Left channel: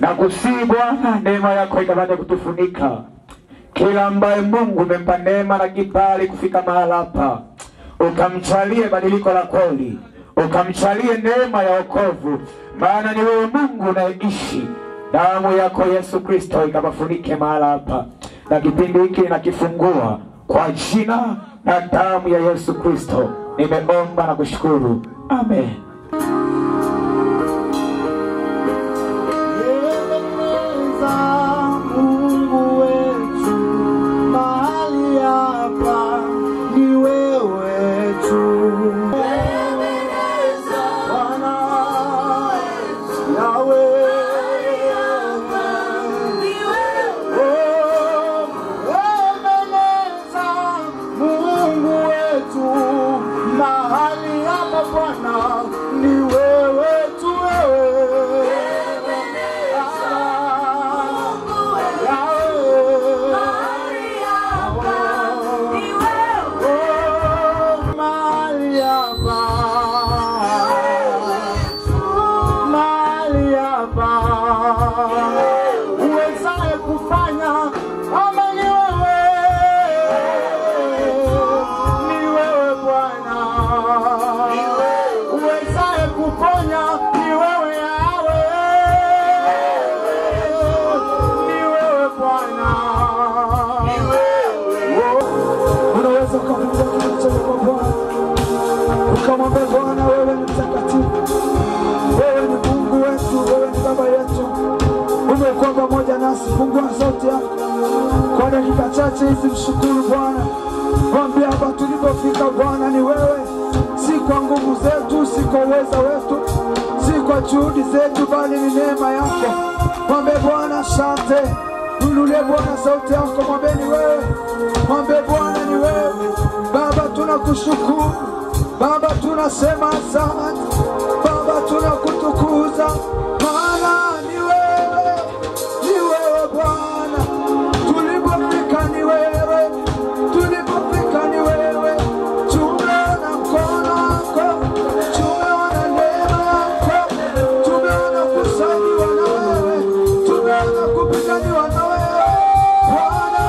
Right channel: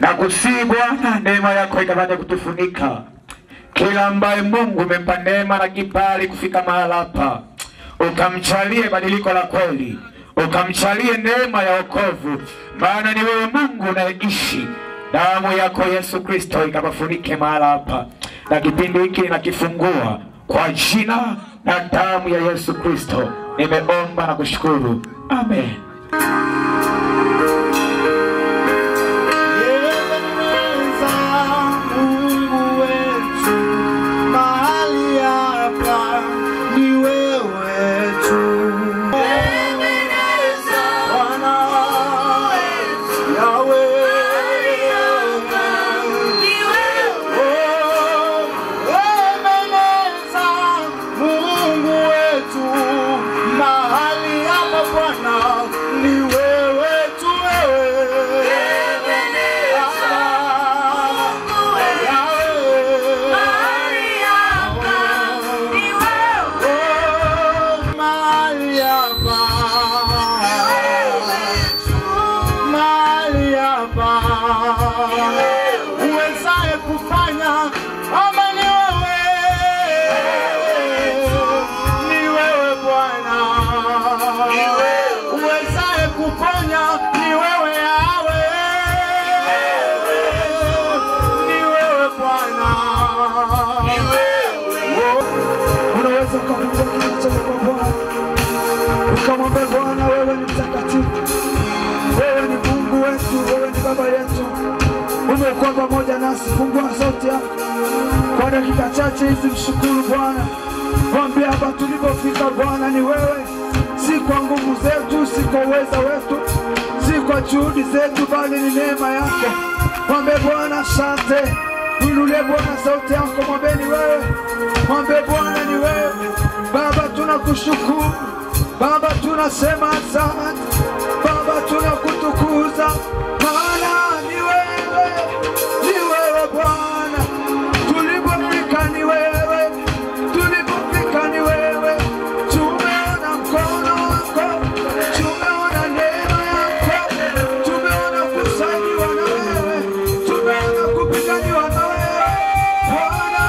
Nakusihi Bwana, neema yako ikapate kutufunika. Kila ambaye Mungu umempa neema na kibali kufika mahali hapa, ukamchalie badiliko la kweli, ukamchalie neema ya wokovu, maana ni wewe Mungu unaishi. Damu yako Yesu Kristo ikapafunike mahali hapa, na kipindi hiki nakifungua kwa jina na damu ya Yesu Kristo. Nimeomba na kushukuru. Amen. Mungu wetu mahali hapa ni wewe. macho kwa Bwana. Ukamwambia Bwana, wewe ni mtakatifu. Wewe ni Mungu wetu, wewe ni Baba yetu. Umekuwa pamoja nasi. Fungua sauti yako kwa dakika chache hizi, mshukuru Bwana. Mwambie hapa tulipofika Bwana ni wewe. Si kwa nguvu zetu, si kwa uweza wetu, si kwa juhudi zetu, bali ni neema yako. Mwambie Bwana asante. Inulie Bwana sauti yako, mwambie ni wewe. Mwambie Bwana ni wewe. Baba tunakushukuru. Baba tunasema asante. Baba tunakutukuza. Maana ni wewe. Ni wewe Bwana. Tulipofika ni wewe. Tulipofika ni wewe. Tumeona mkono wako. Tumeona neema yako. Tumeona kusamehewa na wewe. Tumeona kupiganiwa na wewe. Bwana.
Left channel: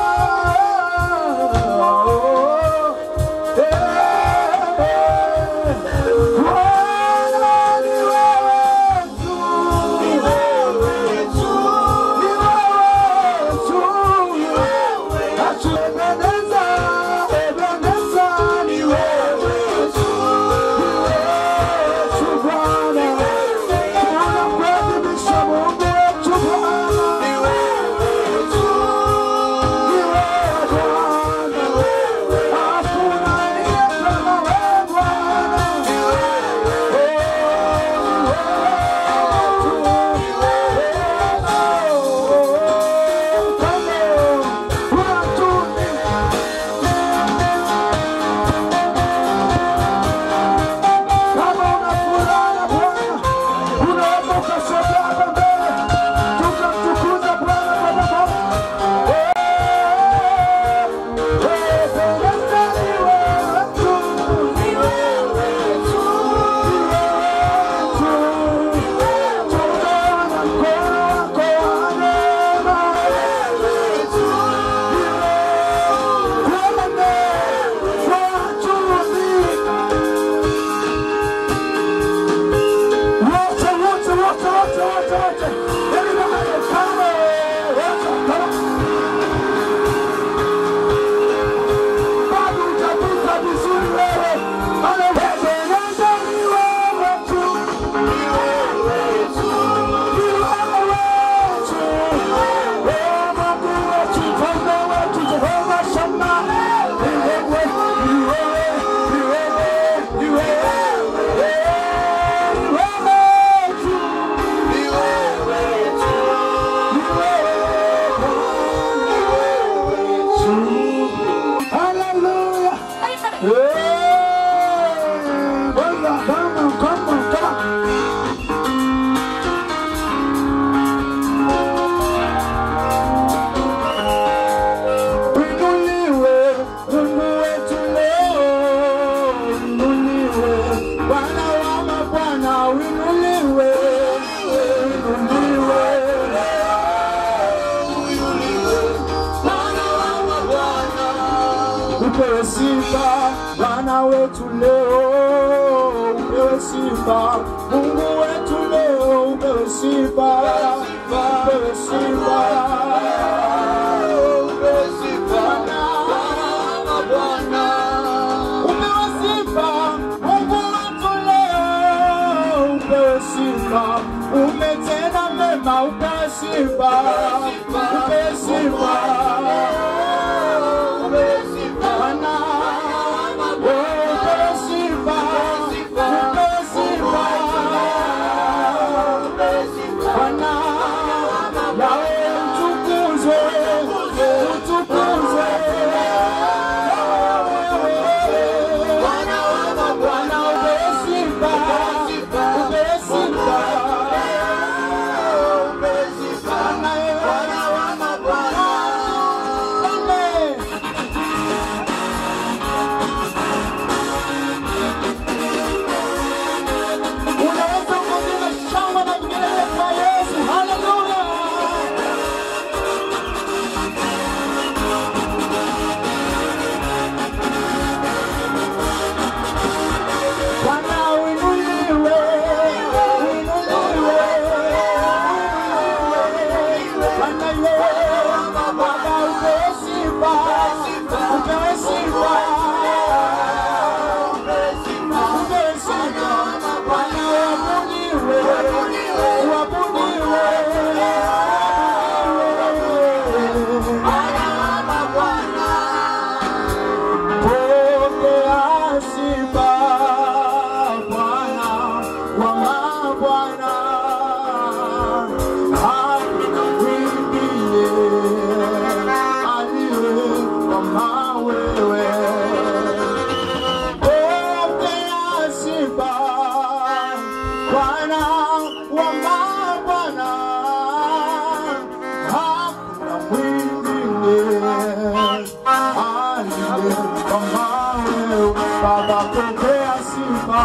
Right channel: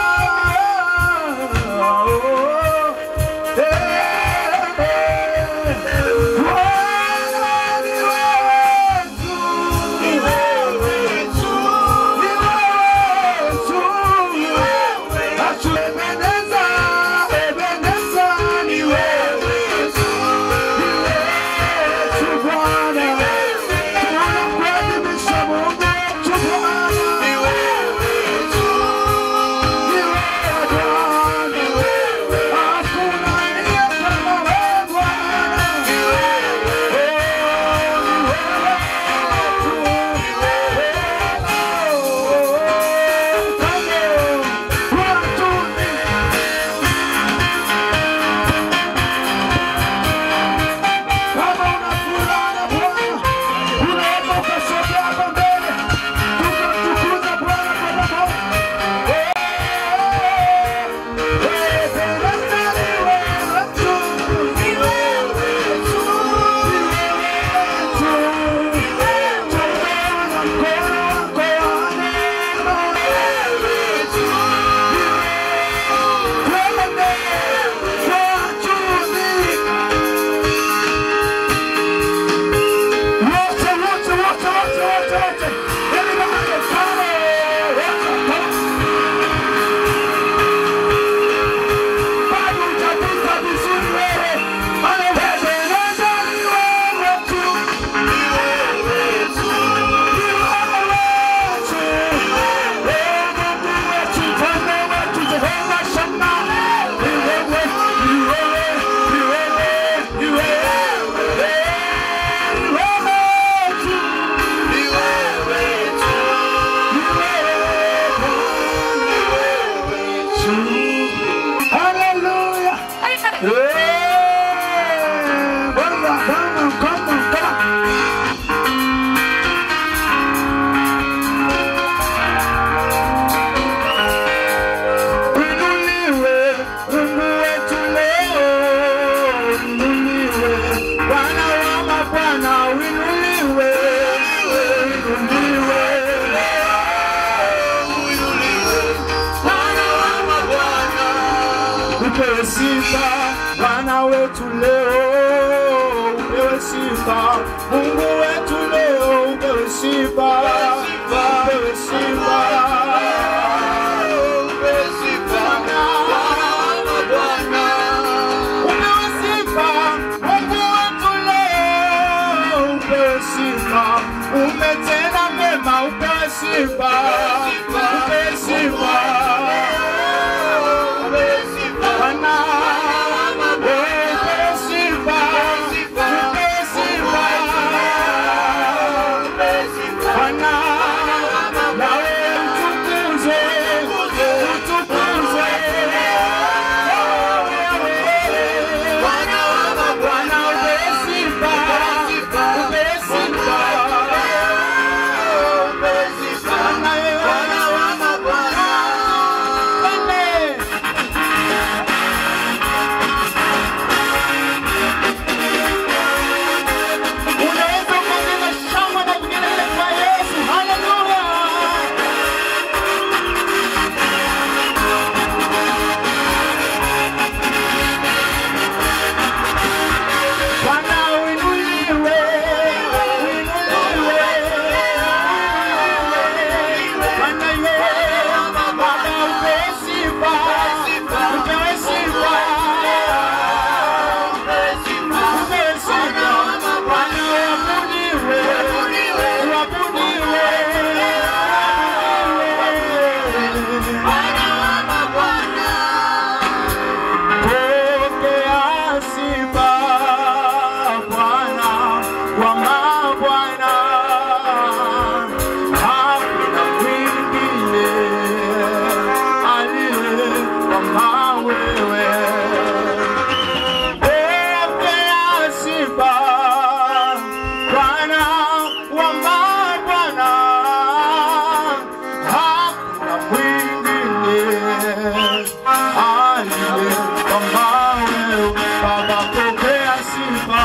Upewe sifa Bwana wetu leo, upewe sifa Mungu wetu leo, upewe sifa, upewe sifa, upewe sifa Bwana wa Bwana, upewe sifa Mungu wetu leo, upewe sifa, umetenda mema, upewe sifa, upewe sifa. Baba pokea sifa.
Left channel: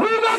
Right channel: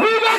Viva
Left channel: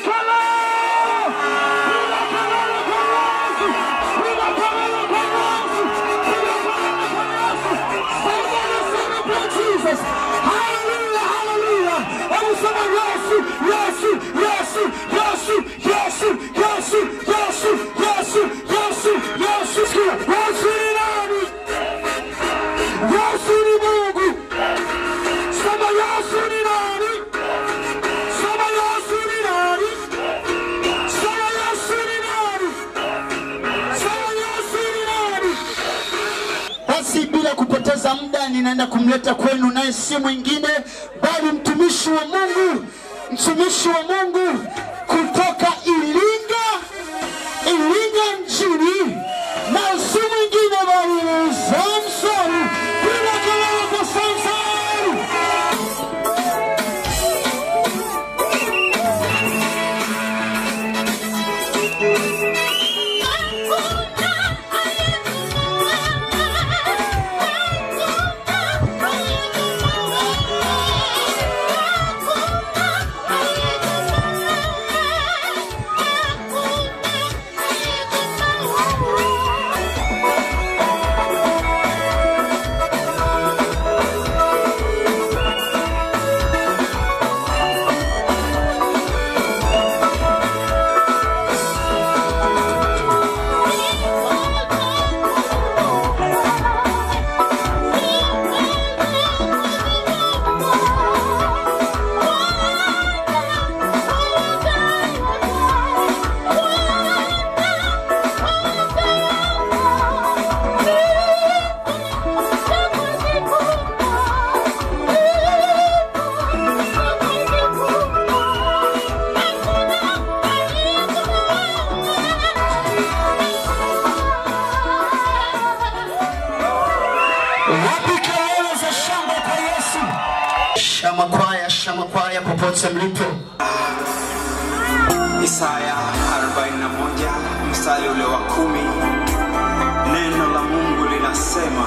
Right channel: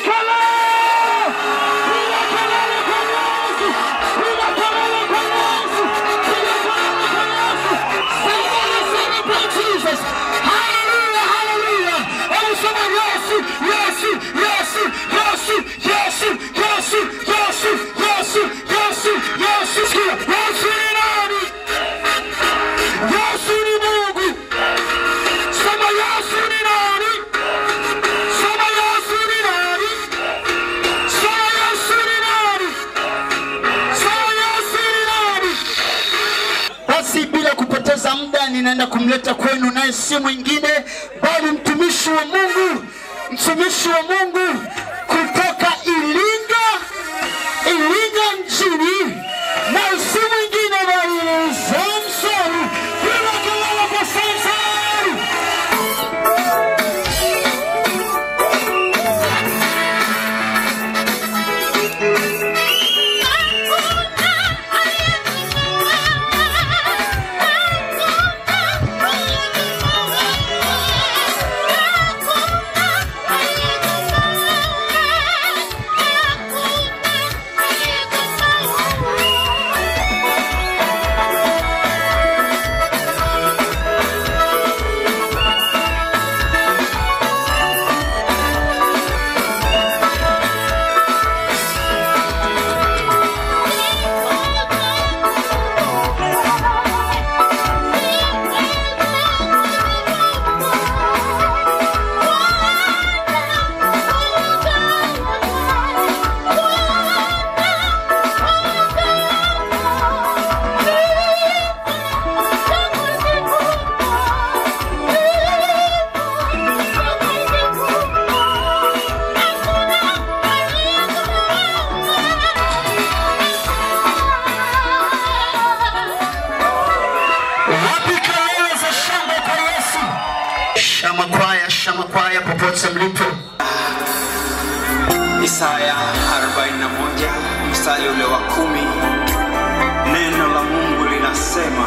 ninaenda kumleta kwenu, naye si mwingine bali mtumishi wa Mungu kutoka Iringa mjini, na si mwingine bali Samson. Bila kelele kwa Samson. Shamakwaya popote mlipo. Isaya 41 mstari ule wa 10. Neno la Mungu linasema,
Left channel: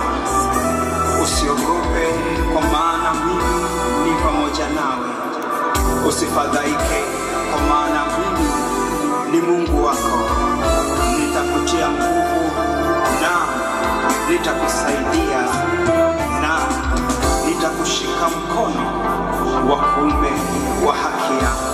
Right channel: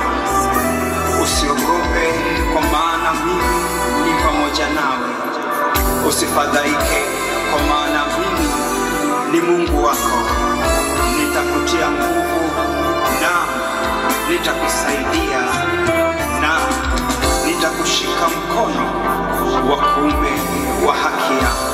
usiogope kwa maana mimi ni pamoja nawe. Usifadhaike kwa maana mimi ni Mungu wako. Nitakutia nguvu na nitakusaidia na nitakushika mkono wa kuume wa haki yako.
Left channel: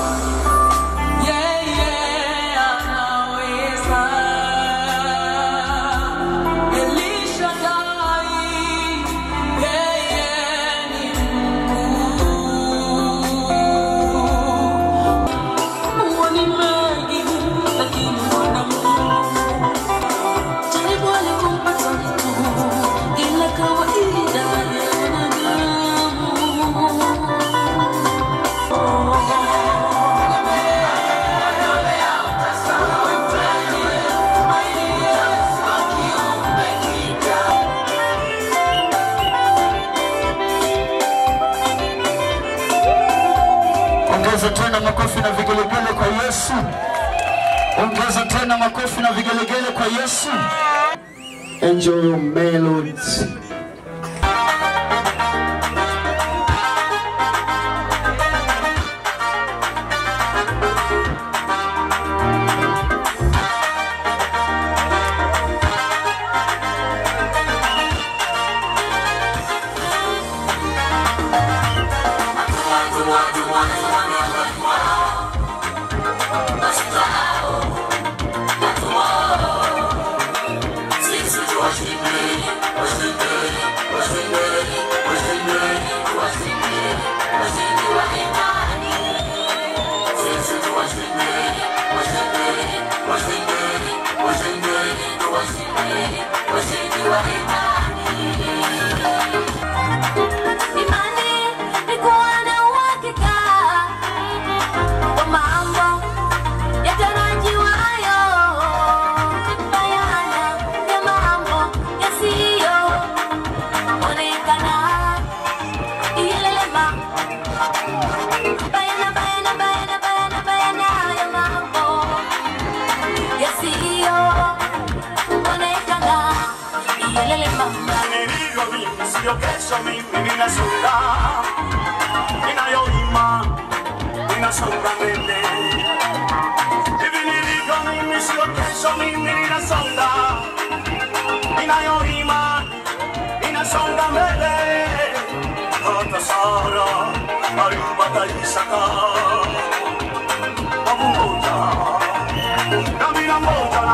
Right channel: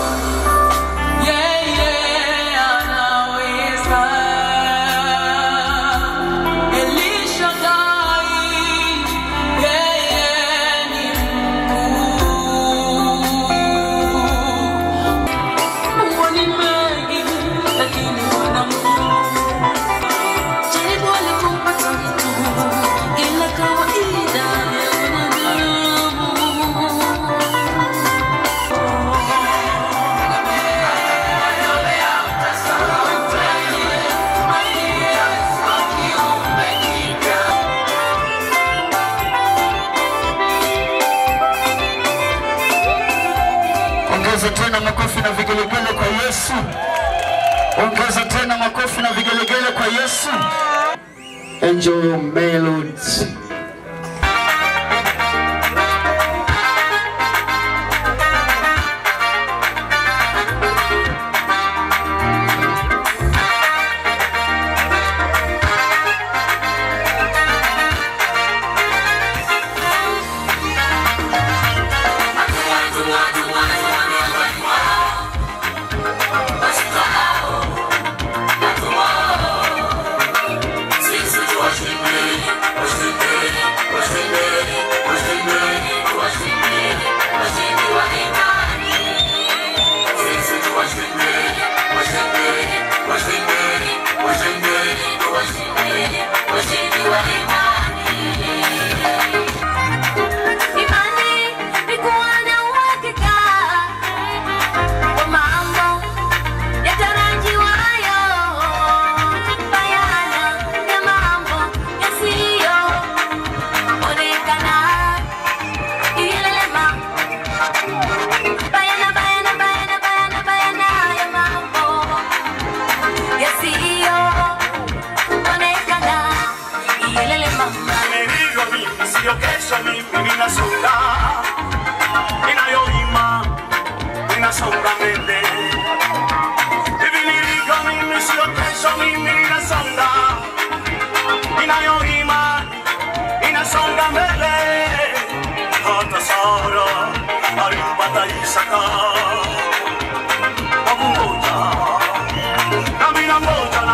Ongeza tena makofi na vigelegele kwa Yesu. Ongeza tena makofi na vigelegele kwa Yesu. Enjoy your melodies. Sio kesho mimi ninasonga, ninayoima ninasonga mbele. Hivi nilivyo mimi sio kesho mimi ninasonga, ninayoima ninasonga mbele. Hata Sara alimpata Isaka kwa kungoja, nami nangoja.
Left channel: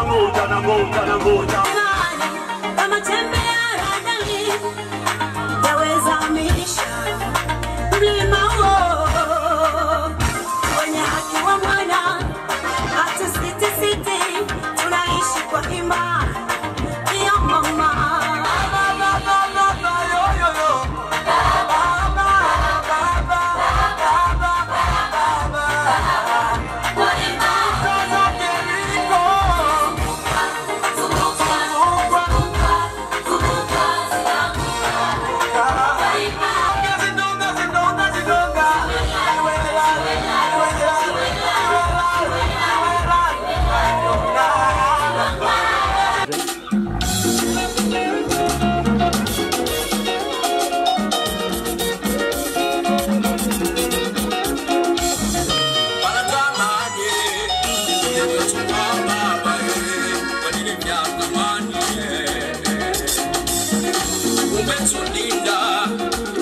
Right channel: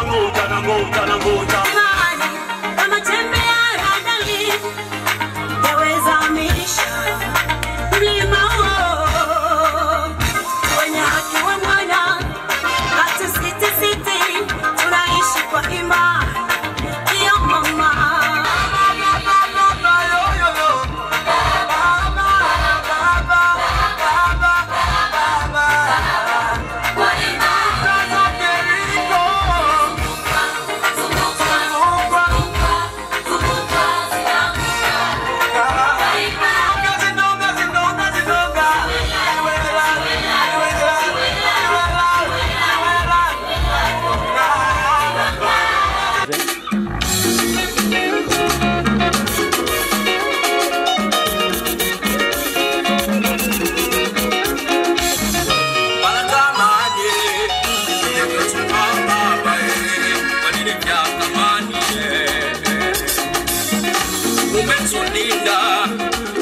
umetulinda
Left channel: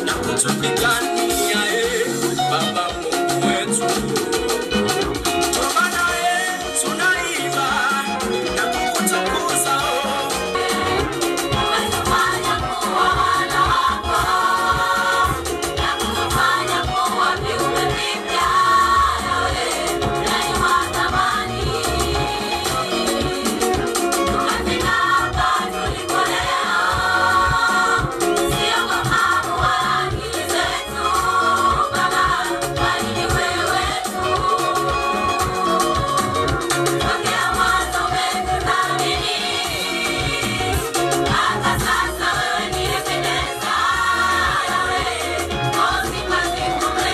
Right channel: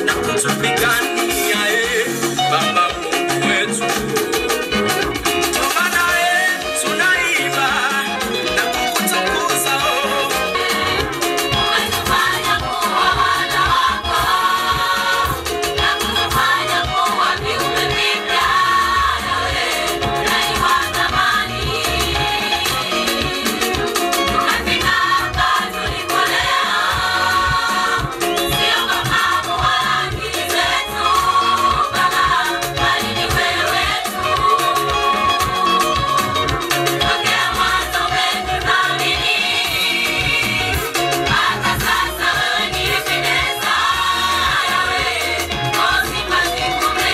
na kutupigania Baba Mungu wetu. Toba naye tunaiba na kukutukuza. Unatufanya kuwa wana wako na kutufanya kuwa viumbe vipya. Nawe ni wa thamani. Tunafika hapa tulipo leo. Sio kama mwani zetu Baba, bali ni wewe tu. Tokea mwanzo umetuthamini, hata sasa wewe ni Ebeneza. Yawe, uzima zikupe.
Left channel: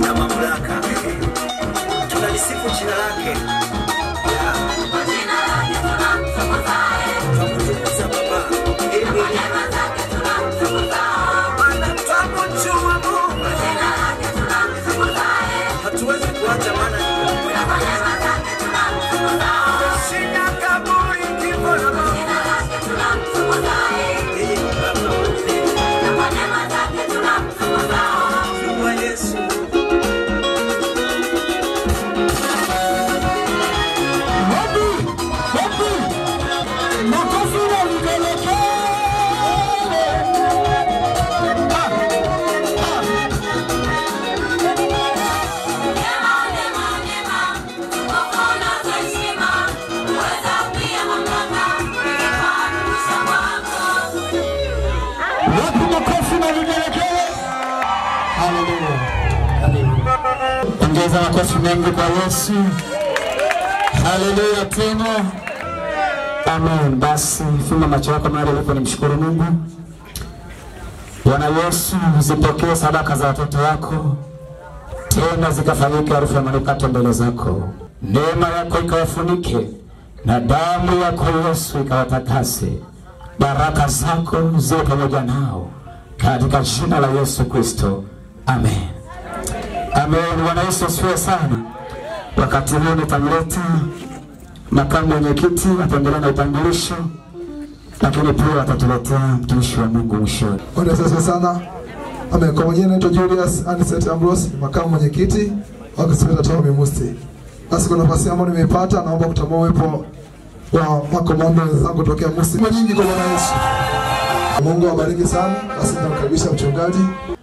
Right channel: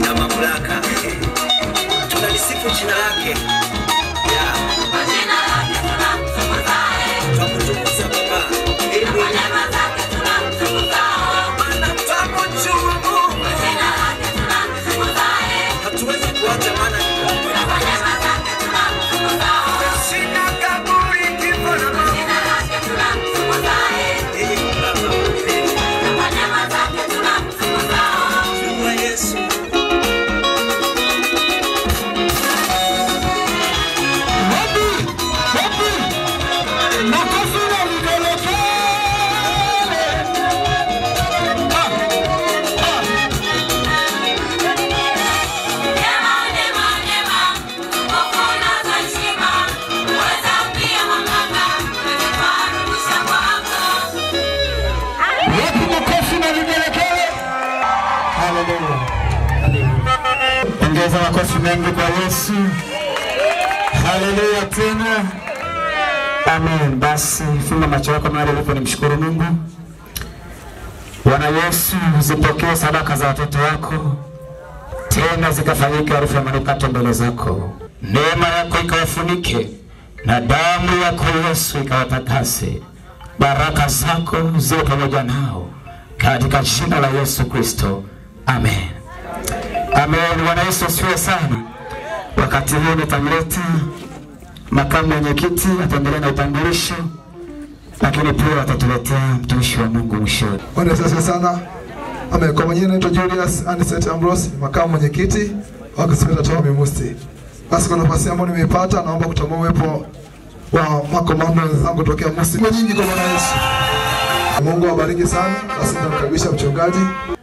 Na mamlaka tunalisifu jina lake. Kwa jina lake tunamtukuza. Tunamtukuza Baba. Kwa neema zake tunamtukuza. Maana tunamjua Mungu. Kwa jina lake tunamtukuza. Hatuwezi kuacha maana kwa neema zake tunamtukuza. Sina kaburi kifo na Mungu. Kwa jina lake tunamtukuza. Kwa neema zake tunamtukuza. Kwa Yesu. Ongeza makofi mengi kwa Yesu. Haleluya tena. Amen. Basi funga macho yako mahali ulipo, nimshukuru Mungu. Bwana Yesu, zipokee sadaka za watoto wako, tena zikafanyike harufu ya manukato mbele zako. Neema yako ikawafunike na damu yako Yesu ikawatakase. Baraka zako ziwe pamoja nao katika jina la Yesu Kristo. Amen. Amen. Bwana Yesu asifiwe sana. Wakati huu nitamleta makamu mwenyekiti, ataendelea na utambulisho, lakini pia atatuletea mtumishi wa Mungu mwishoni. Bwana Yesu asifiwe sana. Amen. Kwa majina naitwa Julius Anicet Ambrose, makamu mwenyekiti wa Gospel Town Musti. Basi kwa nafasi ambayo nimeipata, naomba kutambua uwepo wa makomando wenzangu tokea Musti. Kwa nyingi kwa Bwana Yesu. Mungu awabariki sana. Basi tunamkaribisha mchungaji.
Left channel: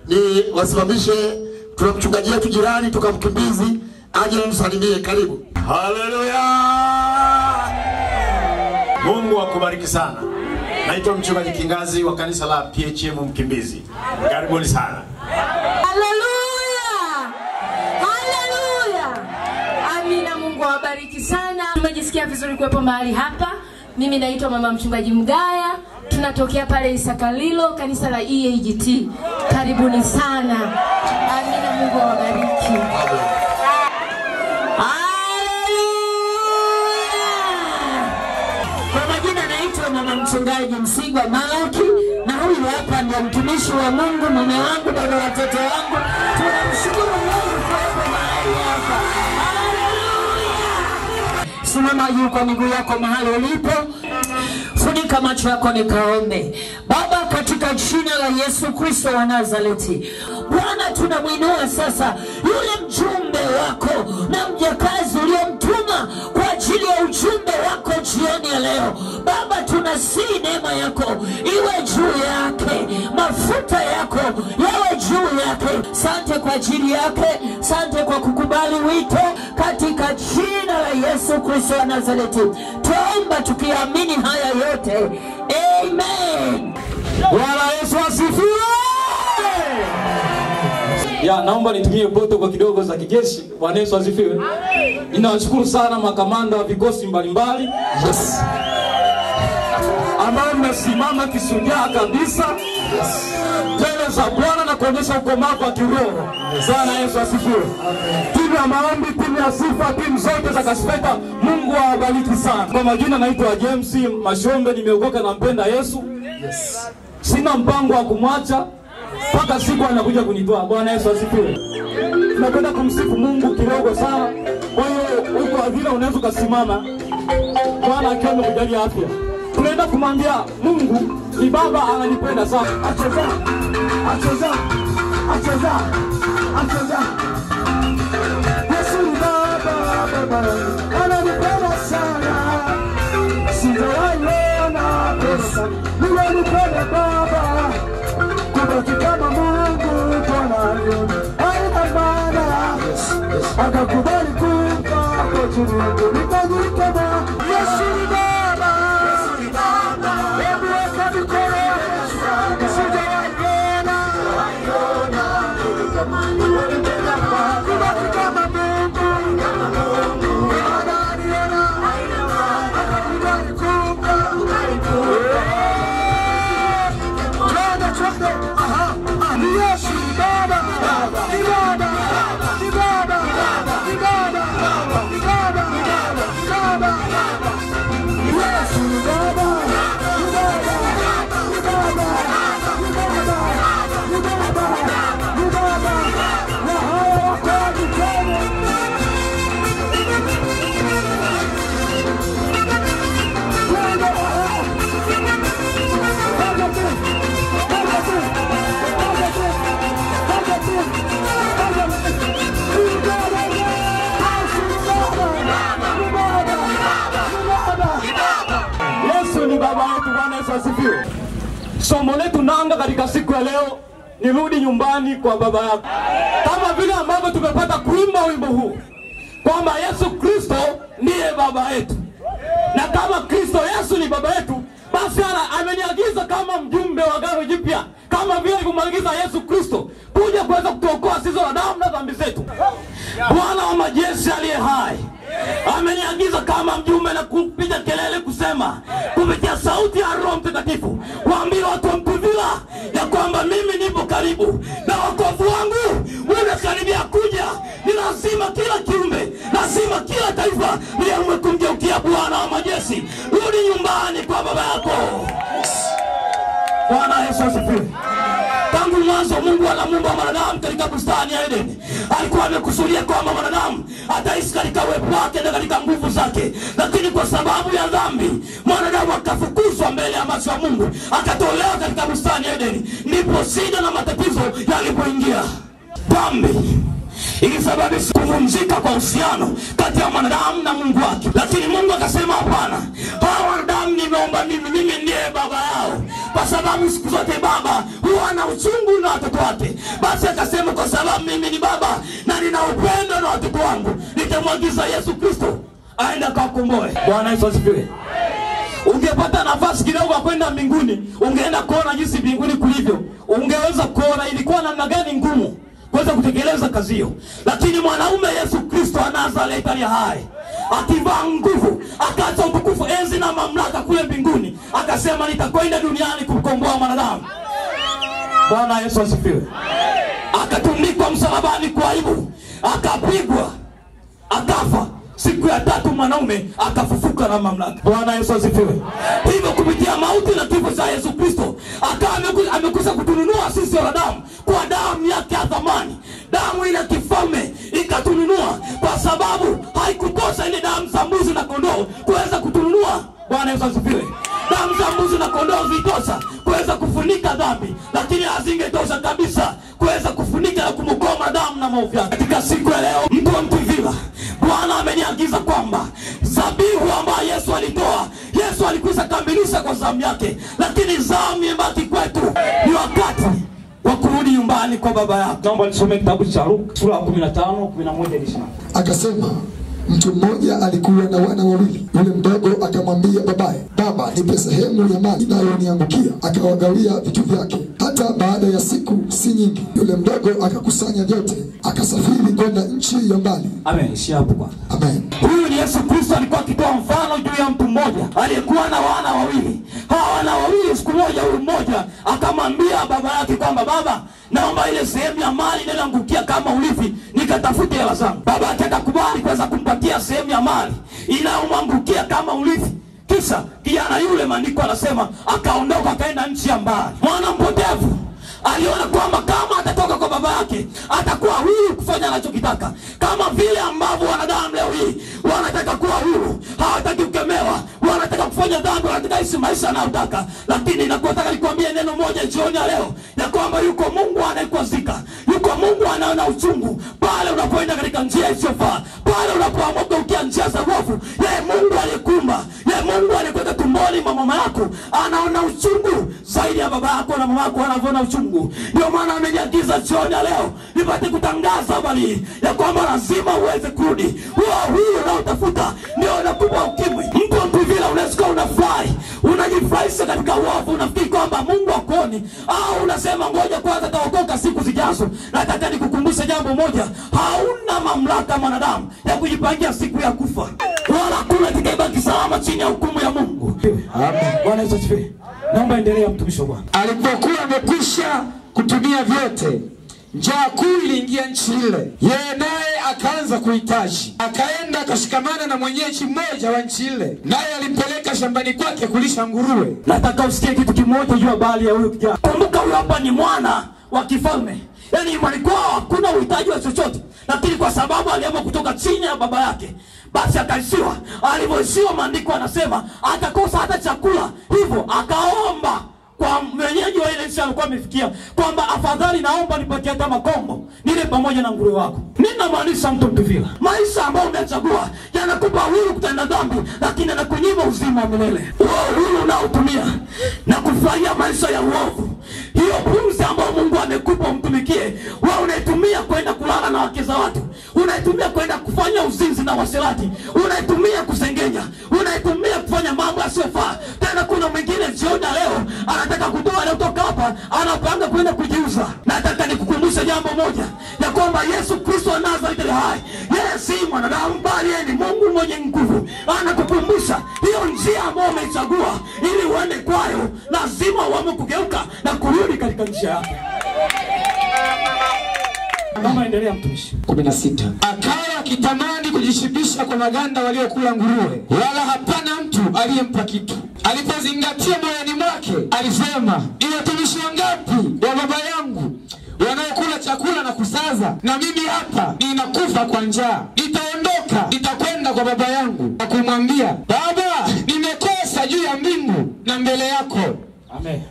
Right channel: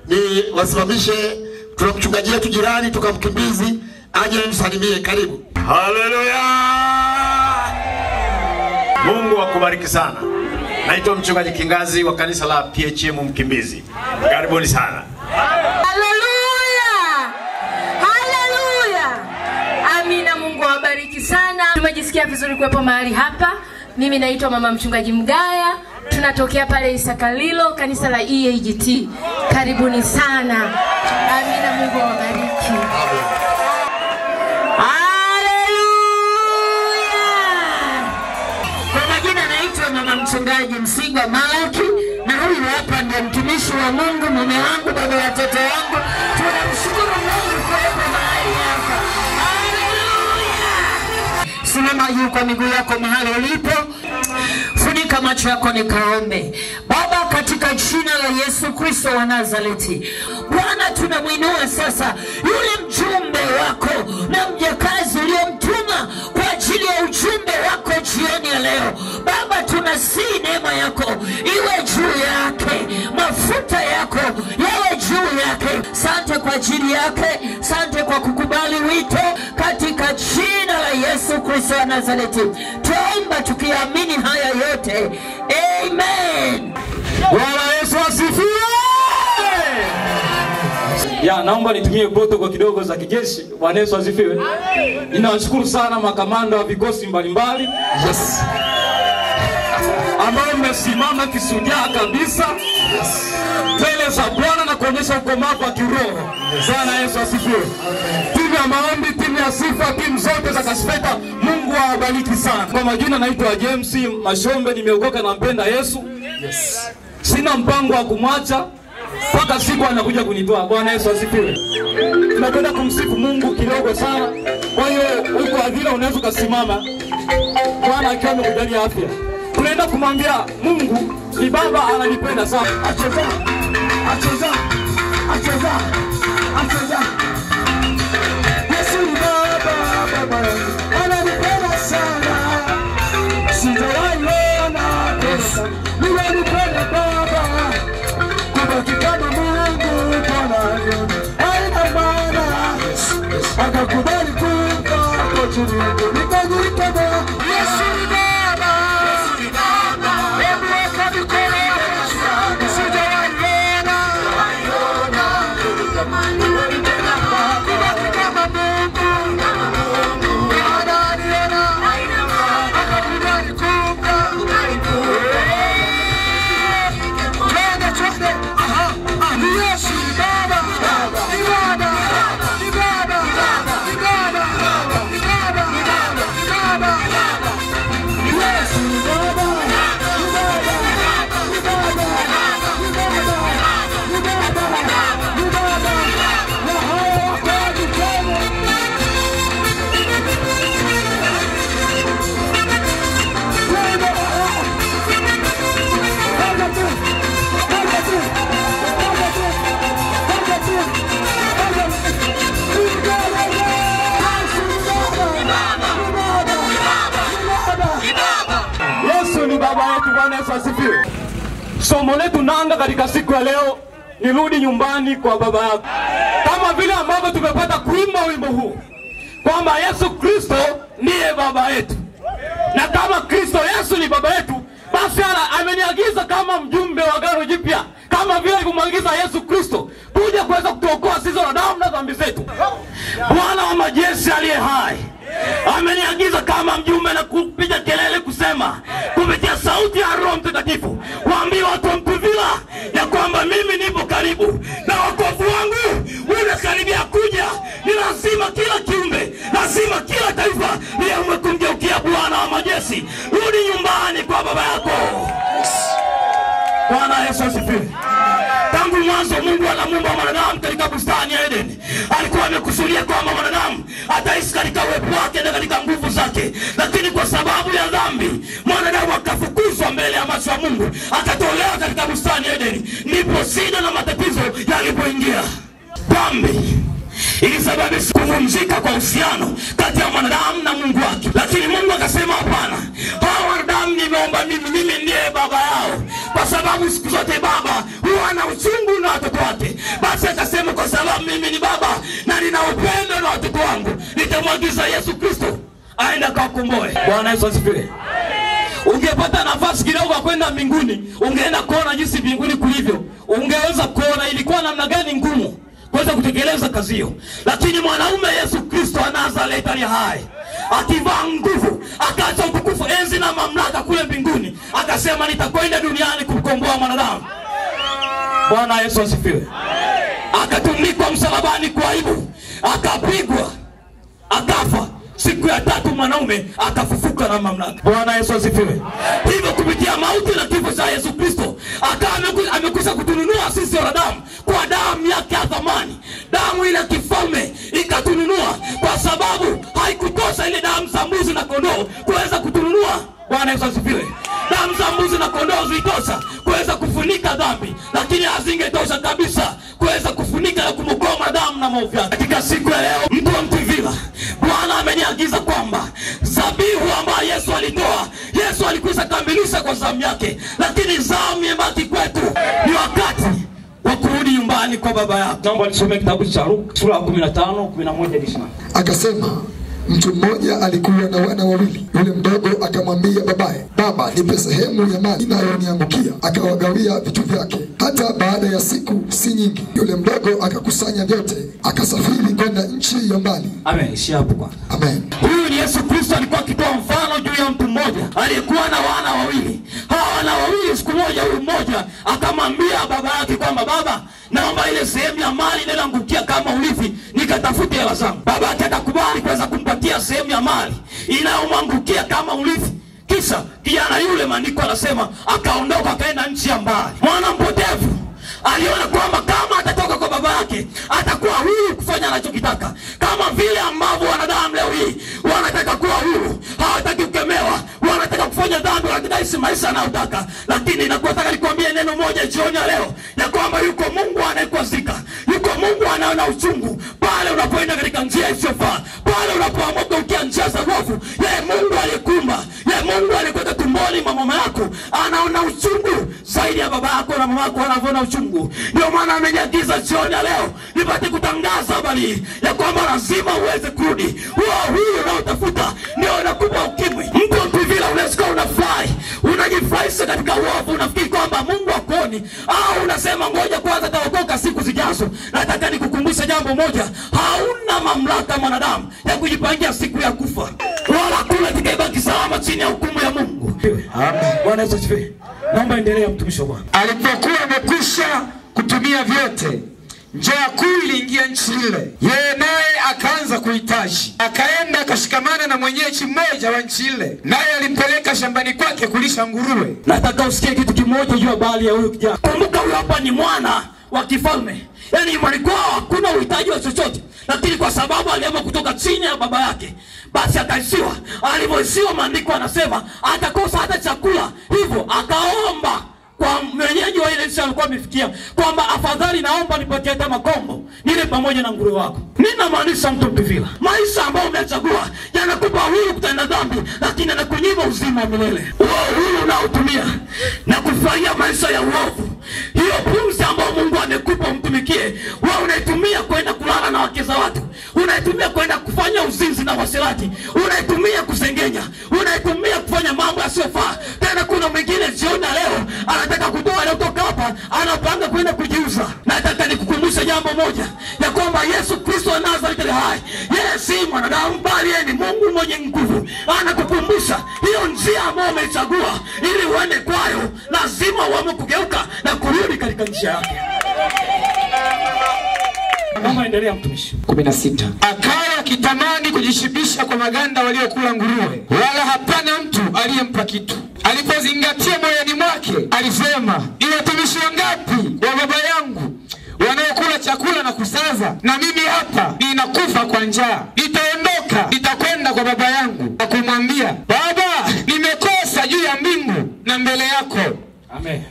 Ni wasimamishe tuna mchungaji wetu jirani tukamkimbizi aje msalimie. Karibu. Haleluya. Mungu akubariki sana. Naitwa mchungaji Kingazi wa kanisa la PHM Mkimbizi. Karibuni sana. Haleluya. Haleluya. Amina, Mungu awabariki sana. Tumejisikia vizuri kuwepo mahali hapa. Mimi naitwa mama mchungaji Mgaya. Tunatokea pale Isakalilo, kanisa la EAGT. Karibuni sana. Amina, Mungu awabariki. Kwa majina naitwa mama mchungaji Msigwa Malaki, na huyu hapa ndio mtumishi wa Mungu, mume wangu, baba watoto wangu. Tunamshukuru Mungu kwa kuwepo mahali hapa. Haleluya. Simama juu kwa miguu yako mahali ulipo. Funika macho yako nikaombe. Baba, katika jina la Yesu Kristo wa Nazareti, Bwana tunamwinua sasa yule mjumbe wako na mjakazi uliomtuma kwa ajili ajili ya ujumbe wako jioni ya leo. Baba, tunasihi neema yako iwe juu yake, mafuta yako yawe juu yake. Asante kwa ajili yake, asante kwa kukubali wito, katika jina la Yesu Kristo wa Nazareti tuomba tukiamini haya yote, amen. Bwana Yesu asifiwe. Naomba nitumie protokoli kidogo za kijeshi. Bwana Yesu asifiwe. Ninawashukuru sana makamanda wa vikosi mbalimbali. Yes. Ambao mmesimama kisujaa kabisa. Yes. Mbele za Bwana na kuonyesha ukomavu wa kiroho. Bwana Yesu asifiwe. Timu ya maombi, timu ya sifa, timu zote za Kasfeta, Mungu awabariki sana. Kwa majina naitwa James Mashombe, nimeokoka na mpenda Yesu. Yes. Sina mpango wa kumwacha mpaka siku anakuja kunitoa. Bwana Yesu asifiwe. Tunakwenda kumsifu Mungu kidogo sana. Kwa hiyo uko adhila unaweza kusimama. Bwana akiwa amekujalia afya. Tunaenda kumwambia Mungu ni Baba ananipenda sana. Acheza. Yesu ni Baba ananipenda sana. Sijawaona pesa. Ninanipenda Baba. Kubaki kama Mungu Bwana haina maana. Akakubali kufa kwa ajili yangu. Nikajitaba. Yesu ni Baba. Hebu weka mikono. Sijawaona. Kubaki kama Mungu. Ananiona. Akakubali kufa. Yesu ni Baba. Ni Baba. Ni Baba. Ni Baba. Ni Baba. Ni Baba. Yesu ni Baba. Ni Baba. Ni Baba. Ni Baba. Ni Baba. Ni Baba. Na hao wakaji tena. Yesu ni Baba yetu. Bwana Yesu asifiwe. Somo letu nanga katika siku ya leo ni rudi nyumbani kwa baba yako. Kama vile ambavyo tumepata kuimba wimbo huu kwamba Yesu Kristo ndiye baba yetu. Na kama Kristo Yesu ni baba yetu, basi ameniagiza kama mjumbe wa Agano Jipya, kama vile alivyomwagiza Yesu Kristo kuja kuweza kutuokoa sisi wanadamu na dhambi zetu. Bwana wa majeshi aliye hai ameniagiza kama mjumbe na kupiga kelele kusema kupitia sauti ya Roho Mtakatifu, waambie watu wa Mtuvila ya kwamba mimi nipo karibu na wokovu wangu unakaribia kuja. Ni lazima kila kiumbe, lazima kila taifa liamue kumgeukia Bwana wa majeshi. Rudi nyumbani kwa baba yako. Bwana Yesu asifiwe. Tangu mwanzo Mungu anamuumba mwanadamu katika bustani ya Edeni. Alikuwa amekusudia kwamba mwanadamu ataishi katika uwepo wake na katika nguvu zake. Lakini kwa sababu ya dhambi, mwanadamu akafukuzwa mbele ya macho ya Mungu, akatolewa katika bustani ya Edeni. Ndipo shida na matatizo yalipoingia. Dhambi ilisababisha kuvunjika kwa uhusiano kati ya mwanadamu na Mungu wake. Lakini Mungu akasema hapana, hawa wanadamu nimeomba mimi ndiye baba yao. Kwa sababu siku zote baba huwa na uchungu na watoto wake. Basi akasema kwa sababu mimi ni baba na nina upendo na watoto wangu, nitamwagiza Yesu Kristo aenda kakomboe. Bwana Yesu asifiwe. Ungepata nafasi kidogo kwenda mbinguni, ungeenda kuona jinsi mbinguni kulivyo. Ungeweza kuona ilikuwa namna gani ngumu kuweza kutekeleza kazi hiyo. Lakini mwanaume Yesu Kristo wa Nazareti aliye hai, akivaa nguvu, akaacha utukufu, enzi na mamlaka kule mbinguni, akasema nitakwenda duniani kumkomboa mwanadamu. Bwana Yesu asifiwe. Akatundikwa msalabani kwa aibu, akapigwa, akafa. Siku ya tatu mwanaume akafufuka na mamlaka. Bwana Yesu asifiwe. Hivyo kupitia mauti na kifo cha Yesu Kristo, amekwisha kutununua sisi wanadamu kwa damu yake ya thamani. Damu ile kifalme ikatununua, kwa sababu haikutosha ile damu za mbuzi na kondoo kuweza kutununua. Bwana Yesu asifiwe. Damu za mbuzi na kondoo zilitosha kuweza kufunika dhambi, lakini hazingetosha kabisa kuweza kufunika na kumwokoa damu na maovu yake. Katika siku ya leo, mtu wa Mtuvila, Bwana ameniagiza kwamba dhabihu ambayo Yesu alitoa, Yesu alikwisha kamilisha kwa zamu yake, lakini zamu imebaki kwetu. Ni wakati wa kurudi nyumbani kwa baba yako. Naomba nisome kitabu cha Luka sura ya 15:11-20. Akasema, mtu mmoja alikuwa na wana wawili. Yule mdogo akamwambia babaye, baba, nipe sehemu ya mali inayoniangukia. Akawagawia vitu vyake. Hata baada ya siku si nyingi, yule mdogo akakusanya vyote, akasafiri kwenda nchi ya mbali. Amen. Ishia hapo kwanza. Amen. Huyu ni Yesu Kristo alikuwa akitoa mfano juu ya mtu mmoja aliyekuwa na wana wawili. Hawa wana wawili, siku moja huyu mmoja akamwambia baba yake kwamba, baba, naomba ile sehemu ya mali inayoangukia kama urithi nikatafute hela zangu. Baba akakubali kuweza kumpatia sehemu ya mali inayomwangukia kama urithi. Kisha kijana yule, maandiko anasema, akaondoka akaenda nchi ya mbali. Mwana mpotevu aliona kwamba kama atatoka kwa baba yake atakuwa huru kufanya anachokitaka, kama vile ambavyo wanadamu leo hii wanataka kuwa huru, hawataki kukemewa, wanataka kufanya dhambi, wanataka ishi maisha anayotaka. Lakini nataka nikwambie neno moja jioni ya leo, ya kwamba yuko Mungu anayekwazika, yuko Mungu anaona uchungu pale unapoenda katika njia isiyofaa, pale unapoamua kugeukia njia za uovu. Yeye Mungu aliyekumba, yeye Mungu aliyekuweka tumboni mwa mama yako anaona uchungu zaidi ya baba yako na mama yako wanavyoona uchungu. Ndio maana ameniagiza jioni ya leo nipate kutangaza habari ya kwamba lazima uweze kurudi. Huyo unaotafuta ndio unakupa ukimwi. Mtu vile unasikia unafurahi, unajifurahisha katika uovu, unafikiri kwamba Mungu akoni, au unasema ngoja kwanza taokoka siku zijazo. Nataka nikukumbusha jambo moja, hauna mamlaka mwanadamu ya kujipangia siku ya kufa, wala kula tikabaki salama chini ya hukumu ya Mungu. Amen. Bwana Yesu asifiwe. Naomba endelea mtumishi wa Bwana. Alipokuwa amekwisha kutumia vyote, njaa kuu iliingia nchi ile. Yeye naye akaanza kuhitaji. Akaenda akashikamana na mwenyeji mmoja wa nchi ile, naye alimpeleka shambani kwake kulisha nguruwe. Nataka usikie kitu kimoja juu ya habari ya huyo kijana. Kumbuka huyo hapa ni mwana wa kifalme. Yaani imani kwao hakuna uhitaji wa chochote, lakini kwa sababu aliamua kutoka chini ya baba yake, basi akaishiwa. Alivyoishiwa, maandiko anasema atakosa hata chakula, hivyo akaomba kwa mwenyeji wa ile nchi alikuwa amefikia kwamba, afadhali naomba nipatie hata makombo nile pamoja na nguruwe wako. Nina maanisha mtu vile maisha ambayo umechagua yanakupa huru kutenda dhambi, lakini yanakunyima uzima wa milele. Huru unaotumia na kufurahia maisha ya uovu, hiyo pumzi ambayo Mungu amekupa umtumikie, wewe unaitumia kwenda kulala na wake za watu, unaitumia kwenda kufanya uzinzi na waserati, unaitumia kusengenya, unaitumia kufanya mambo yasiyofaa. Tena kuna mwingine jioni leo anataka kutoa leo kutoka hapa, anapanga kwenda kujiuza. Nataka nikukumbusha jambo moja, ya kwamba Yesu Kristo wa Nazareti hai, yeye si mwanadamu bali yeye ni Mungu mwenye nguvu. Anakukumbusha hiyo njia ambayo umechagua ili uende kwayo, lazima uamue kugeuka na kurudi katika njia yake. Naomba endelea mtumishi. 16. Akawa akitamani kujishibisha kwa maganda waliokula nguruwe, wala hapana mtu aliyempa kitu. Alipozingatia moyoni mwake, alisema, ni watumishi wangapi wa baba yangu wanaokula chakula na kusaza, na mimi hapa ninakufa kwa njaa. Nitaondoka, nitakwenda kwa baba yangu na kumwambia, baba, nimekosa juu ya mbingu na mbele yako. Amen.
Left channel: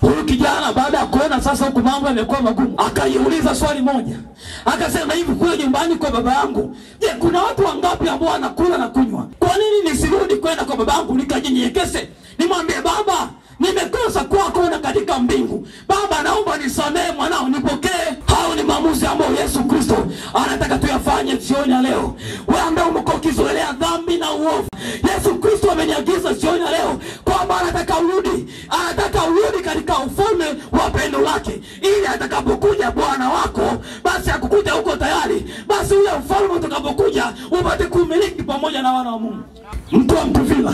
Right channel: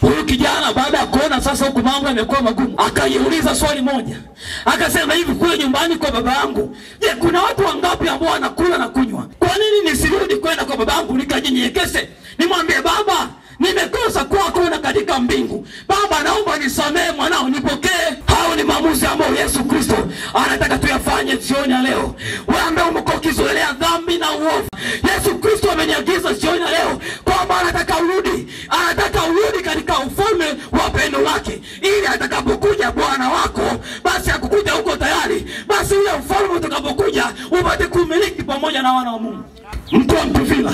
Huyu kijana baada ya kuona sasa huku mambo yamekuwa magumu, akaiuliza swali moja. Akasema, hivi kule nyumbani kwa baba yangu, je, kuna watu wangapi ambao wanakula na kunywa? Kwa nini nisirudi kwenda kwa baba yangu nikajinyenyekeshe, nimwambie, baba, nimekosa kwako na katika mbingu. Baba, naomba nisamehe mwanao, nipokee. Hao ni maamuzi ambayo Yesu Kristo anataka tuyafanye jioni ya leo. Wewe ambaye umekuwa ukizoelea dhambi na uovu, Yesu Kristo ameniagiza jioni ya leo kwamba anataka urudi katika ufalme wa pendo lake, ili atakapokuja Bwana wako, basi akukuta huko tayari, basi ule ufalme utakapokuja upate kumiliki pamoja na wana wa Mungu. Mtu wa mtuvila,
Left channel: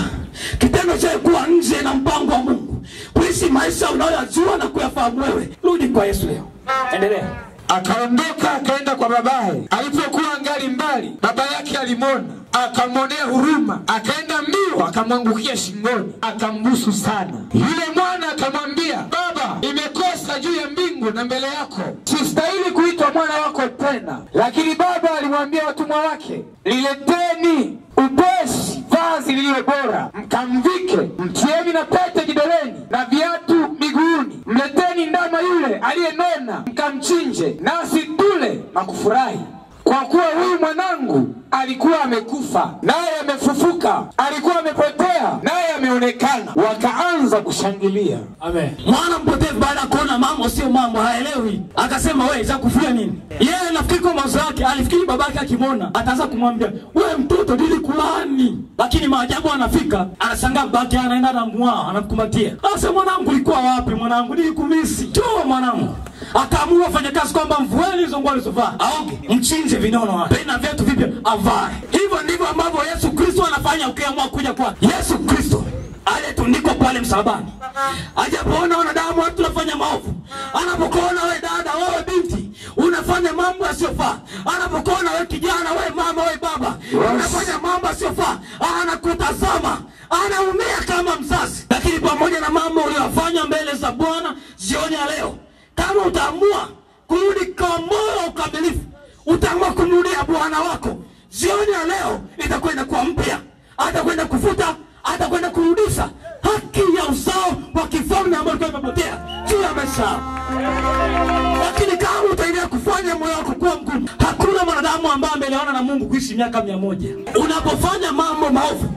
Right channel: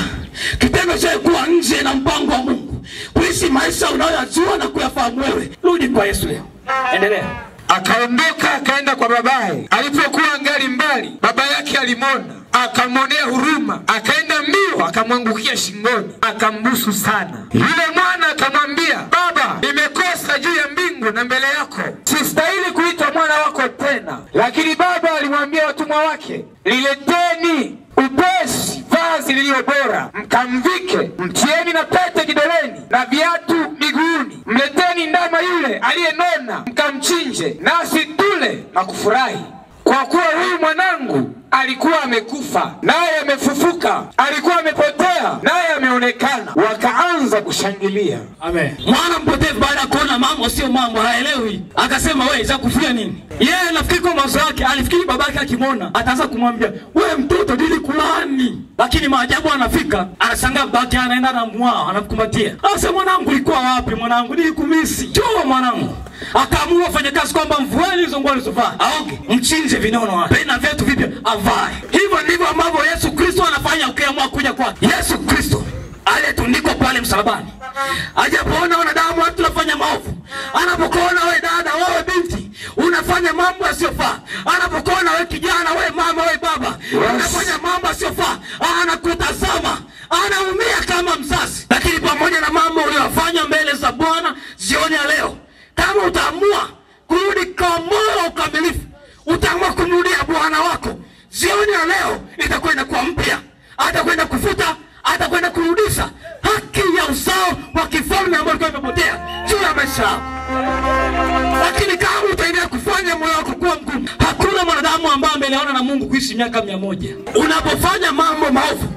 kitendo cha kuwa nje na mpango wa Mungu, kuishi maisha unayojua na kuyafahamu wewe, rudi kwa Yesu leo. Endelea. Akaondoka akaenda kwa babaye. Alipokuwa angali mbali, baba yake alimwona, akamwonea huruma, akaenda mbio, akamwangukia shingoni, akambusu sana. Yule mwana akamwambia, baba, nimekosa juu ya mbingu na mbele yako, sistahili kuitwa mwana wako tena. Lakini baba alimwambia watumwa wake, lileteni upesi vazi lililo bora, mkamvike, mtieni na pete kidoleni na viatu miguuni. Mleteni ndama yule aliyenona, mkamchinje, nasi tule na kufurahi. kwa kuwa huyu mwanangu alikuwa amekufa naye amefufuka, alikuwa amepotea naye ameonekana. Wakaanza kushangilia. Amen. Mwana mpotevu baada ya kuona mambo sio mambo, haelewi, akasema wewe za kufia nini? Yeye nafikiri kwa mawazo yake alifikiri babake akimwona ataanza kumwambia wewe mtoto nilikulani, lakini maajabu anafika anashangaa babake anaenda na mwao anakukumbatia. Asa mwanangu ulikuwa wapi mwanangu, nilikumisi. Njoo mwanangu. Akaamua fanya kazi kwamba mvueni hizo nguo alizovaa, aoge, mchinje vinono wake, na viatu vipya avae. Hivyo ndivyo ambavyo Yesu Kristo anafanya ukiamua kuja kwake. Yesu Kristo aliyetundikwa pale msalabani, ajapoona wanadamu watu wanafanya maovu, anapokuona wewe dada, wewe binti unafanya mambo yasiyofaa, anapokuona wewe kijana, wewe mama, wewe baba unafanya mambo yasiyofaa, anakutazama, anaumia kama mzazi. Lakini pamoja na mambo uliyofanya mbele za Bwana jioni ya leo, kama utaamua kurudi kwa moyo ukamilifu, utaamua kumrudia Bwana wako, jioni ya leo itakuwa inakuwa mpya. Atakwenda kufuta, atakwenda kurudisha haki ya uzao wa kifalme ambao ulikuwa umepotea juu ya maisha yako. Lakini kama utaendelea kufanya moyo wako kuwa mgumu, hakuna mwanadamu ambaye ameleona na Mungu kuishi miaka 100. Unapofanya mambo maovu,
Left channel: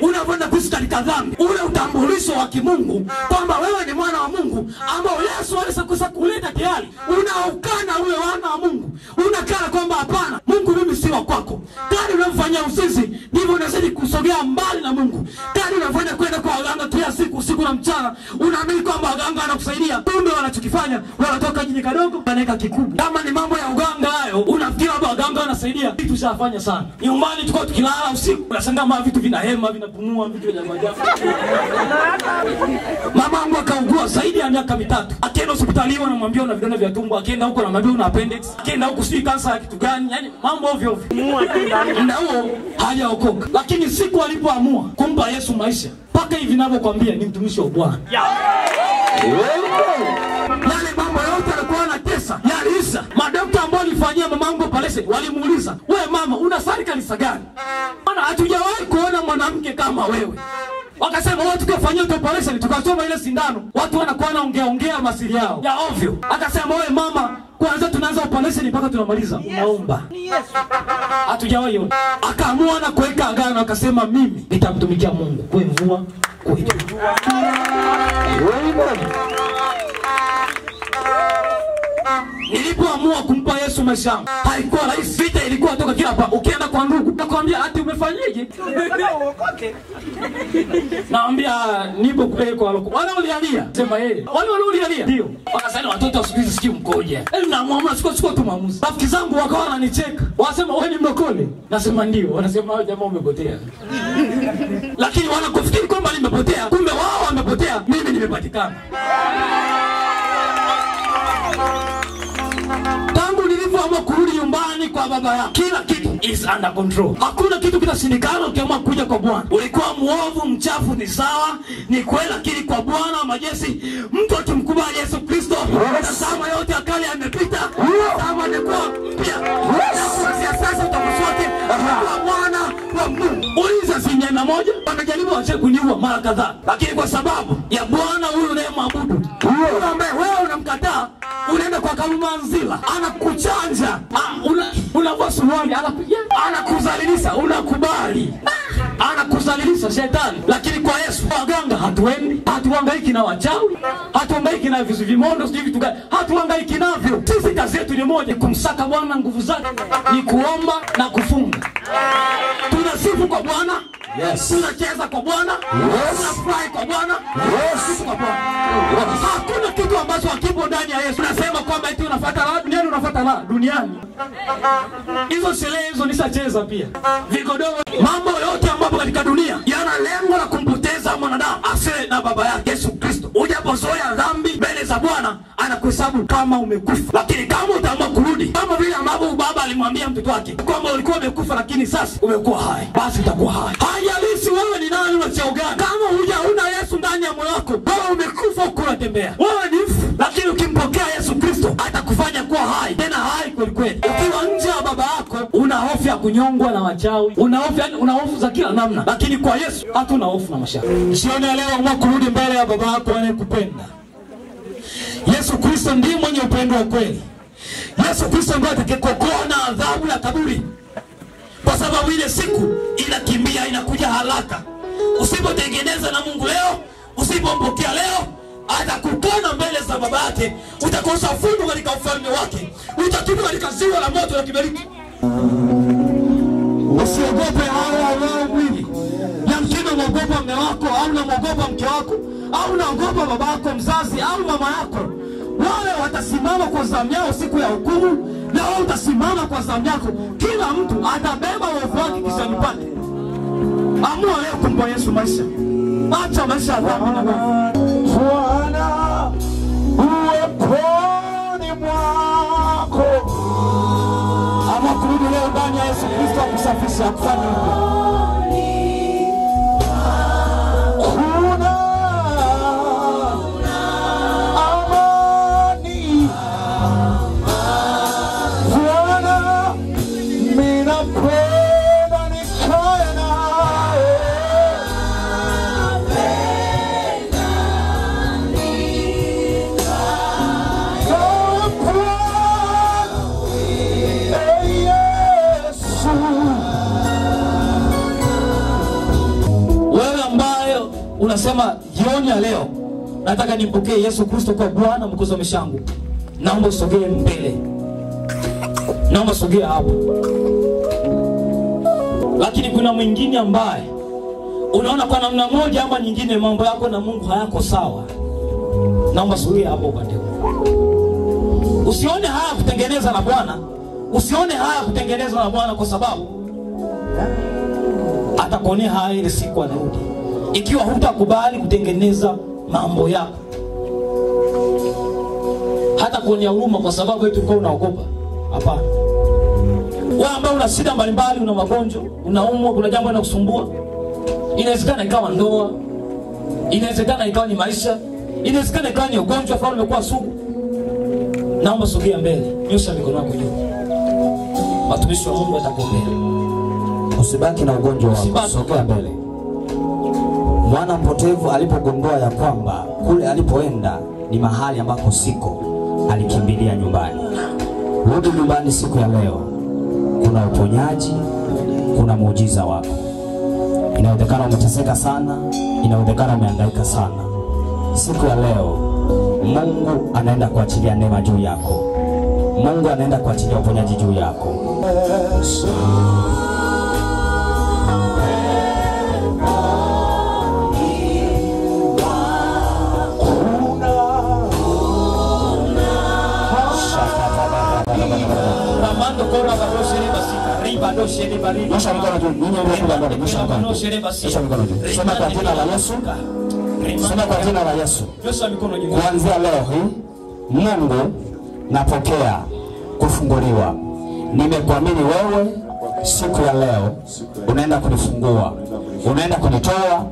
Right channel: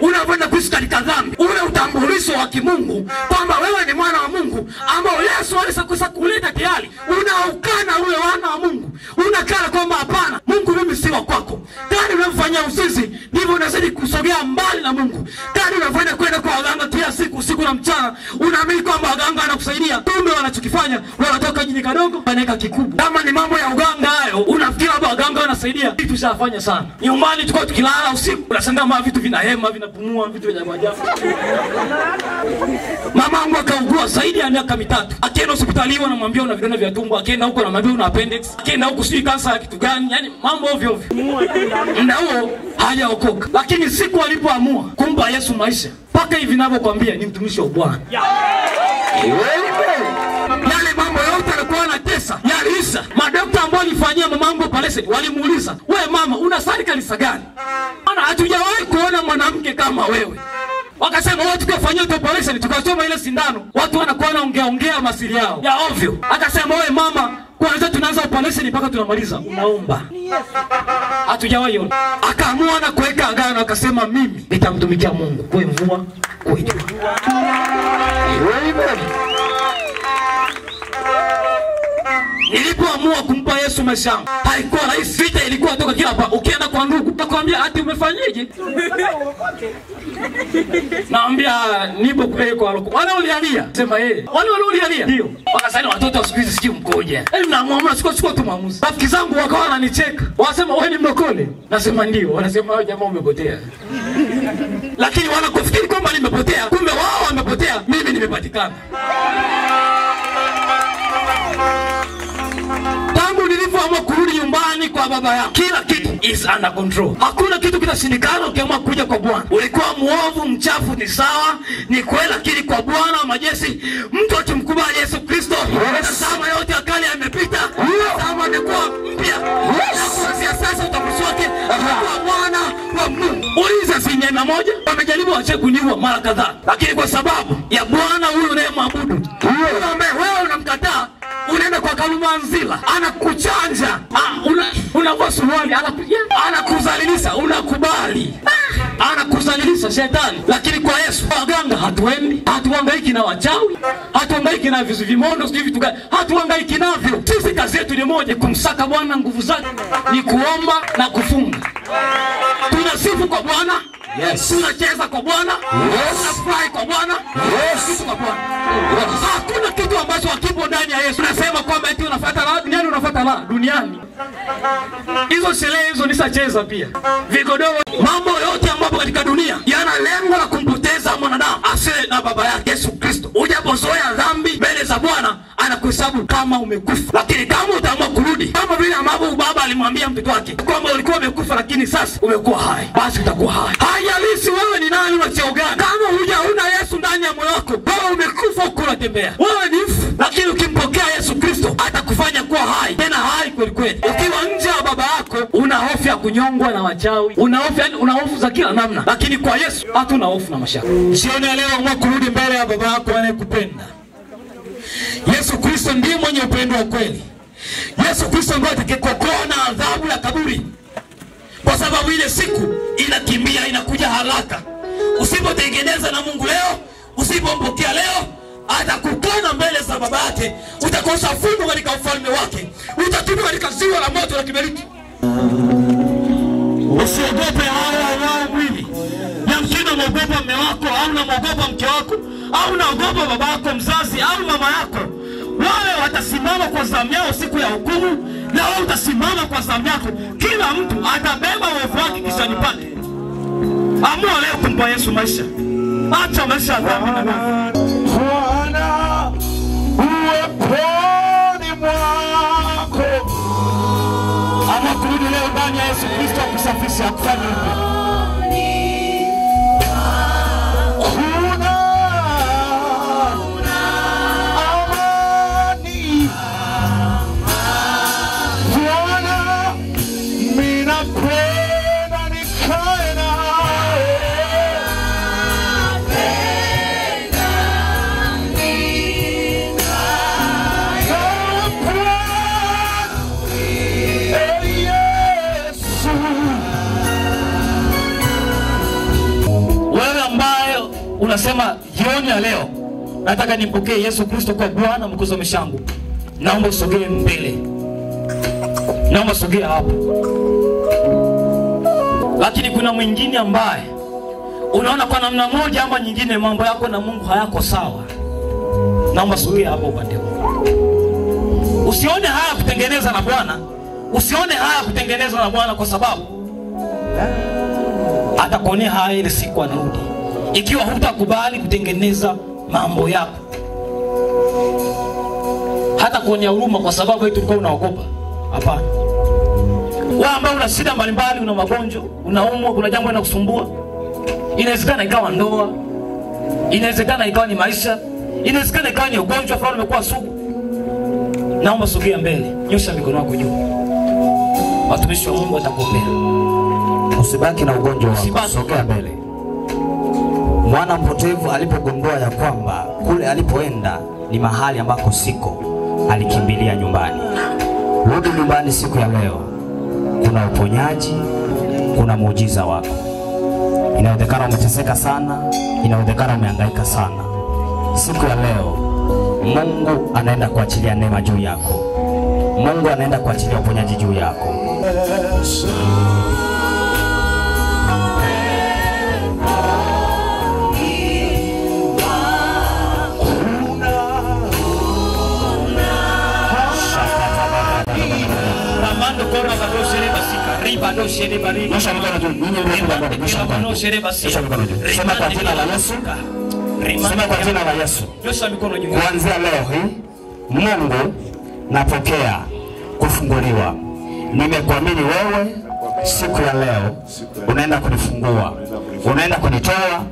unapoenda kuishi katika dhambi, ule utambulisho wa kimungu kwamba wewe ni mwana wa Mungu ambao Yesu alishakusa kuleta tayari, unaukana ule wana wa Mungu. Unakana kwamba hapana, Mungu mimi si wa kwako. Kadi unamfanyia uzinzi, ndivyo unazidi kusogea mbali na Mungu. Kadi unafanya kwenda kwa waganga kila siku, usiku na mchana, unaamini kwamba waganga wanakusaidia. Kumbe wanachokifanya wanatoka jini kadogo wanaweka kikubwa. Kama ni mambo ya uganga hayo, unafikiri kwamba waganga wanasaidia. Kitu shafanya sana. Nyumbani tulikuwa tukilala usiku, unashangaa vitu vinahema, vinapumua, vitu vya ajabu. Mama wangu akaugua zaidi ya miaka 3. Akienda hospitali wanamwambia una vidonda vya tumbo, akienda huko anamwambia una appendix, akienda huko sijui kansa ya kitu gani, yani mambo ovyo ovyo. Ndio huo hajaokoka. Lakini siku alipoamua kumpa Yesu maisha, paka hivi ninavyokuambia ni mtumishi wa Bwana. Yale mambo yote alikuwa anatesa yaliisha. Madaktari ambao walifanyia mama wangu operation walimuuliza, "Wewe mama, unasali kanisa gani? Maana hatujawahi kuona mwanamke kama wewe." Wakasema wewe tukifanyia operation tukachoma ile sindano, watu wanakuwa wanaongea masiri yao ya ovyo. Akasema wewe mama, kwanza tunaanza operation mpaka tunamaliza unaomba. Hatujawahi ona. Akaamua na kuweka agano, akasema mimi nitamtumikia Mungu kwa mvua kwa jua. Nilipoamua kumpa Yesu maisha yangu, haikuwa rahisi. Vita ilikuwa toka kila hapa. Ukienda kwa ndugu, nakwambia ati umefanyaje? Naambia nipo kule kwa loko. Wale ulialia. Sema yeye. Wale ulialia. Ndio. Wakasema watoto wa siku hizi sikii mkoje. Naamua siko tu maamuzi. Rafiki zangu wakawa wananicheka. Wasema wewe ni mlokole. Nasema ndio. Wanasema wewe jamaa umepotea. Lakini wanakufikiri kwamba nimepotea, kumbe wao wamepotea, mimi nimepatikana. Tangu nilipoamua kurudi nyumbani kwa baba yangu, kila kitu is under control. Hakuna kitu kinashindikana ukiamua kuja kwa Bwana. Ulikuwa muovu, mchafu, ni sawa, ni kweli, lakini kwa Bwana wa majeshi, mtu atumkubali Yesu Kristo, tazama yote ya kale yamepita, tazama ni kwa mpya. Kuanzia sasa utakusote kwa Bwana wa Mungu. Uliza sinyema moja, wamejaribu wache kuniua mara kadhaa, lakini kwa sababu ya Bwana huyu unayemwabudu, huyo ambaye wewe unamkataa, unaenda kwa Kalumanzila, anakuchanja, unavua suruali, anakuzalilisha, unakubali. Anakuzalilisha shetani. Lakini kwa Yesu, waganga hatuendi, hatuhangaiki na wachawi, hatuhangaiki na vizu vimondo, sijui vitu gani, hatuhangaiki navyo. Sisi kazi yetu ni moja, kumsaka Bwana, nguvu zake ni kuomba na kufunga. Tunasifu kwa Bwana, yes. Tunacheza kwa Bwana, yes. Tunafurahi kwa Bwana, yes. Kwa Bwana. Hakuna kitu ambacho hakipo ndani ya Yesu. Tunasema kwamba eti unafuata la duniani, unafuata la duniani. Hizo sherehe hizo nisacheza pia. Vigodoro, mambo yote ambayo katika dunia yana lengo la kumpoteza mwanadamu asiye na baba yake Yesu Kristo. Ujapozoea dhambi mbele za Bwana, anakuhesabu kama umekufa. Lakini kama utaamua kurudi, kama vile ambavyo baba alimwambia mtoto wake kwamba ulikuwa umekufa lakini sasa umekuwa hai, basi utakuwa hai. Haijalishi wewe ni nani wa cheo gani, kama huna Yesu ndani ya moyo wako, wewe umekufa huko unatembea. Wewe ni mfu, lakini ukimpokea Yesu Kristo atakufanya kuwa hai, tena hai kweli kweli. Ukiwa nje ya baba yako, una hofu ya kunyongwa na wachawi, una hofu za kila namna, lakini kwa Yesu hatuna hofu na mashaka. Jioni leo amua kurudi mbele ya baba yako anayekupenda. Yesu Kristo ndiye mwenye upendo wa kweli. Yesu Kristo ndiye atakayekokoa na adhabu ya kaburi, kwa sababu ile siku inakimbia, inakuja haraka. Usipotengeneza na Mungu leo, usipompokea leo, atakukana mbele za baba yake, utakosa fungu katika ufalme wake, utatupwa katika ziwa la moto la kiberiti. Usiogope hao mwili. Yamkini unaogopa mume wako, au unaogopa mke wako, au unaogopa baba yako mzazi au mama yako. Wale watasimama kwa zamu yao siku ya hukumu, na wewe utasimama kwa zamu yako. Kila mtu atabeba uovu wake kichwani pake. Amua leo kumpa Yesu maisha. Acha maisha ya dhambi na dhambi. Bwana uweponi mwako. Ama kurudi leo ndani ya Yesu Kristo akusafisha, akufanye upya. Unasema jioni ya leo nataka nimpokee Yesu Kristo kwa Bwana mwokozi wa maisha yangu, naomba usogee mbele, naomba sogea hapo. Lakini kuna mwingine ambaye unaona kwa namna moja ama nyingine mambo yako na Mungu hayako sawa, naomba sogea hapo upande huu. Usione haya kutengeneza na Bwana, usione haya kutengeneza na Bwana, kwa sababu atakuonea haya ile siku anarudi, ikiwa hutakubali kutengeneza mambo yako. Hata kuonea huruma kwa sababu eti ulikuwa unaogopa. Hapana. Wewe ambao una shida mbalimbali, una magonjwa, unaumwa, kuna jambo linakusumbua. Inawezekana ikawa ndoa, inawezekana ikawa ni maisha, inawezekana ikawa ni ugonjwa fulani umekuwa sugu. Naomba sogea mbele, nyosha mikono yako juu. Watumishi wa Mungu watakuombea. Usibaki na ugonjwa wako, sogea mbele. Mwana mpotevu alipogundua ya kwamba kule alipoenda ni mahali ambako siko, alikimbilia nyumbani. Rudi nyumbani siku ya leo. Kuna uponyaji, kuna muujiza wako. Inawezekana umeteseka sana, inawezekana umehangaika sana. Siku ya leo Mungu anaenda kuachilia neema juu yako. Mungu anaenda kuachilia uponyaji juu yako. Sema kwa jina la Yesu. Sema kwa jina la Yesu. Kuanzia leo hii Mungu napokea kufunguliwa. Nimekuamini wewe, siku ya leo unaenda kunifungua. Unaenda kunitoa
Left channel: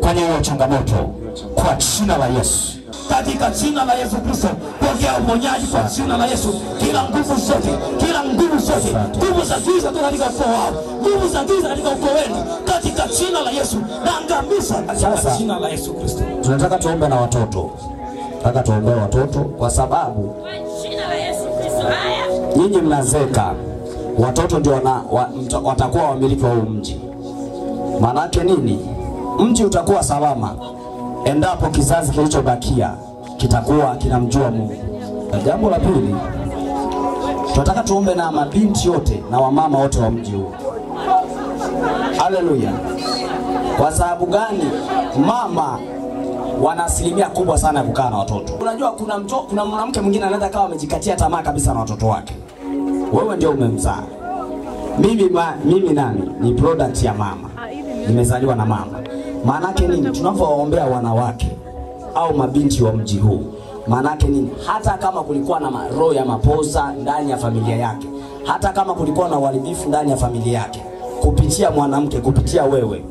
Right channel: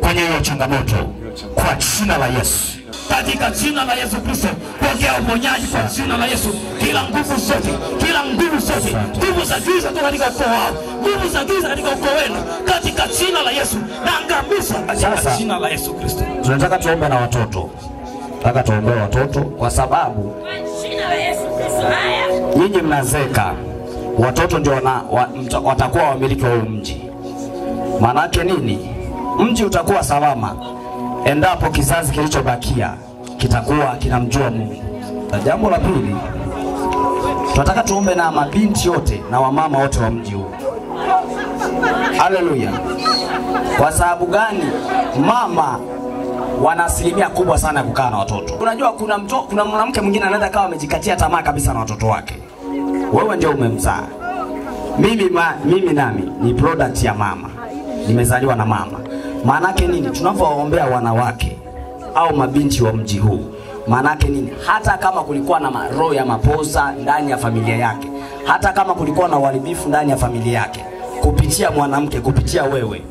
kwenye hiyo changamoto kwa jina la Yesu. Katika jina la Yesu Kristo, pokea uponyaji kwa jina la Yesu. Kila nguvu zote, kila nguvu zote, nguvu za giza katika ukoo wao, nguvu za giza katika ukoo wenu, katika jina la Yesu naangamiza katika jina la Yesu Kristo. Tunataka tuombe na watoto. Nataka tuombe watoto kwa sababu kwa jina la Yesu Kristo. Haya, nyinyi mnazeka, watoto ndio watakuwa wamiliki wa mji. Maana yake nini? Mji utakuwa salama endapo kizazi kilichobakia kitakuwa kinamjua Mungu. Na jambo la pili, tunataka tuombe na mabinti yote na wamama wote wa mji huu. Haleluya. Kwa sababu gani? Mama wana asilimia kubwa sana ya kukaa na watoto. Unajua kuna mwanamke mwingine anaweza kawa amejikatia tamaa kabisa na watoto wake. Wewe ndio umemzaa. Mimi nami ni product ya mama. Nimezaliwa na mama. Maana yake nini? Tunapowaombea wanawake au mabinti wa mji huu, maana yake nini? Hata kama kulikuwa na roho ya mapoza ndani ya familia yake, hata kama kulikuwa na uharibifu ndani ya familia yake, kupitia mwanamke, kupitia wewe,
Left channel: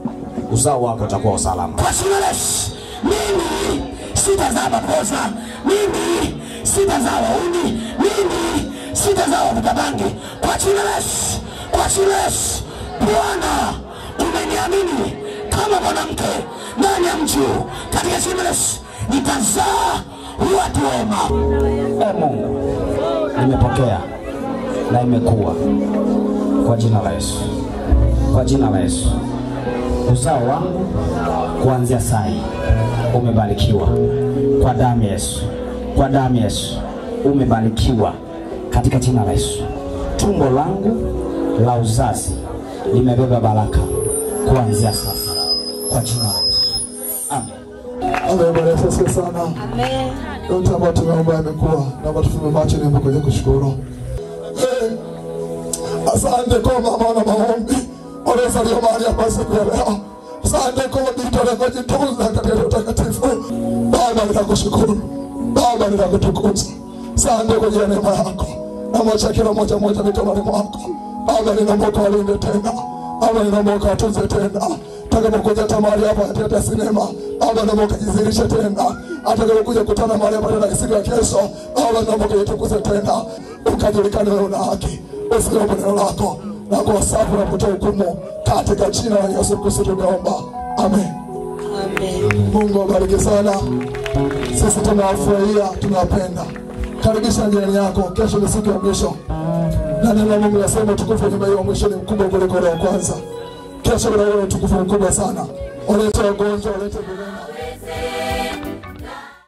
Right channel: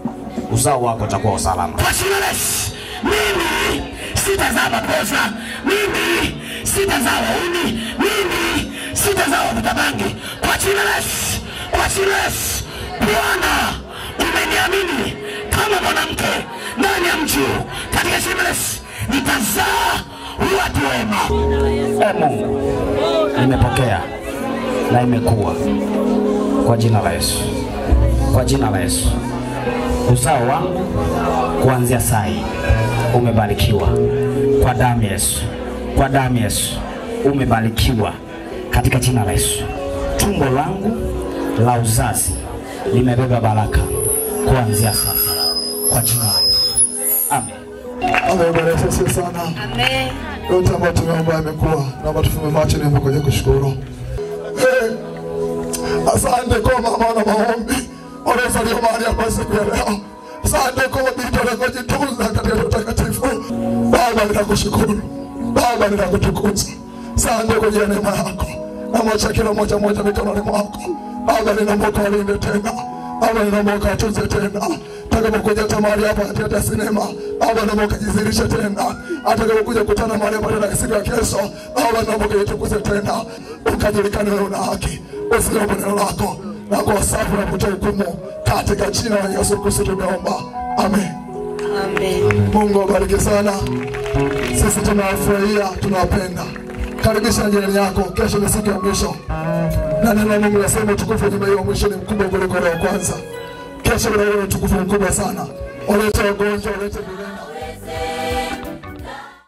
uzao wako utakuwa usalama. Kwa jina la Yesu, mimi sitazaa mapoza, mimi sitazaa wauni, mimi sitazaa wavutabangi. Kwa jina la Yesu, kwa jina la Yesu, Bwana umeniamini kama mwanamke ndani ya mji huu. Katika jina la Yesu nitazaa watu wema. Mungu, nimepokea na imekuwa kwa jina la Yesu. Kwa jina la Yesu. Uzao wangu kuanzia sai umebarikiwa kwa damu ya Yesu. Kwa damu ya Yesu umebarikiwa katika jina la Yesu. Tumbo langu la uzazi limebeba baraka kuanzia sasa kwa jina la Yesu. Amen. Amen. Bwana Yesu sana. Amen. Yote ambayo tumeomba yamekuwa. Naomba tufunge macho na mkono kushukuru. Asante kwa mama na maombi. Wanasalia mahali hapa siku ya leo. Asante kwa bidii yako jitunza katika utakatifu. Baba ninakushukuru. Baba ninakutukuza. Asante kwa neema yako. Na mwacha kila mmoja mikononi mwako. Baba ninaomba ukalinde tena. Baba ninaomba ukatunze tena. Atakapokuja tamari hapa katika sinema, Baba naomba ukajizirishe tena. Atakapokuja kutana mahali hapa tena siku ya kesho, Baba naomba ukajitukuze tena. Ukajulikane wewe una haki. Usikie neno lako na kwa sababu na kutoa hukumu katika jina la Yesu Kristo tunaomba. Amen. Amen. Mungu awabariki sana. Sisi tunawafurahia, tunawapenda. Karibisha jirani yako, kesho ni siku ya mwisho. Na neno la Mungu linasema utukufu wa mwisho ni mkubwa kuliko wa kwanza. Kesho kuna utukufu mkubwa sana. Walete wagonjwa, walete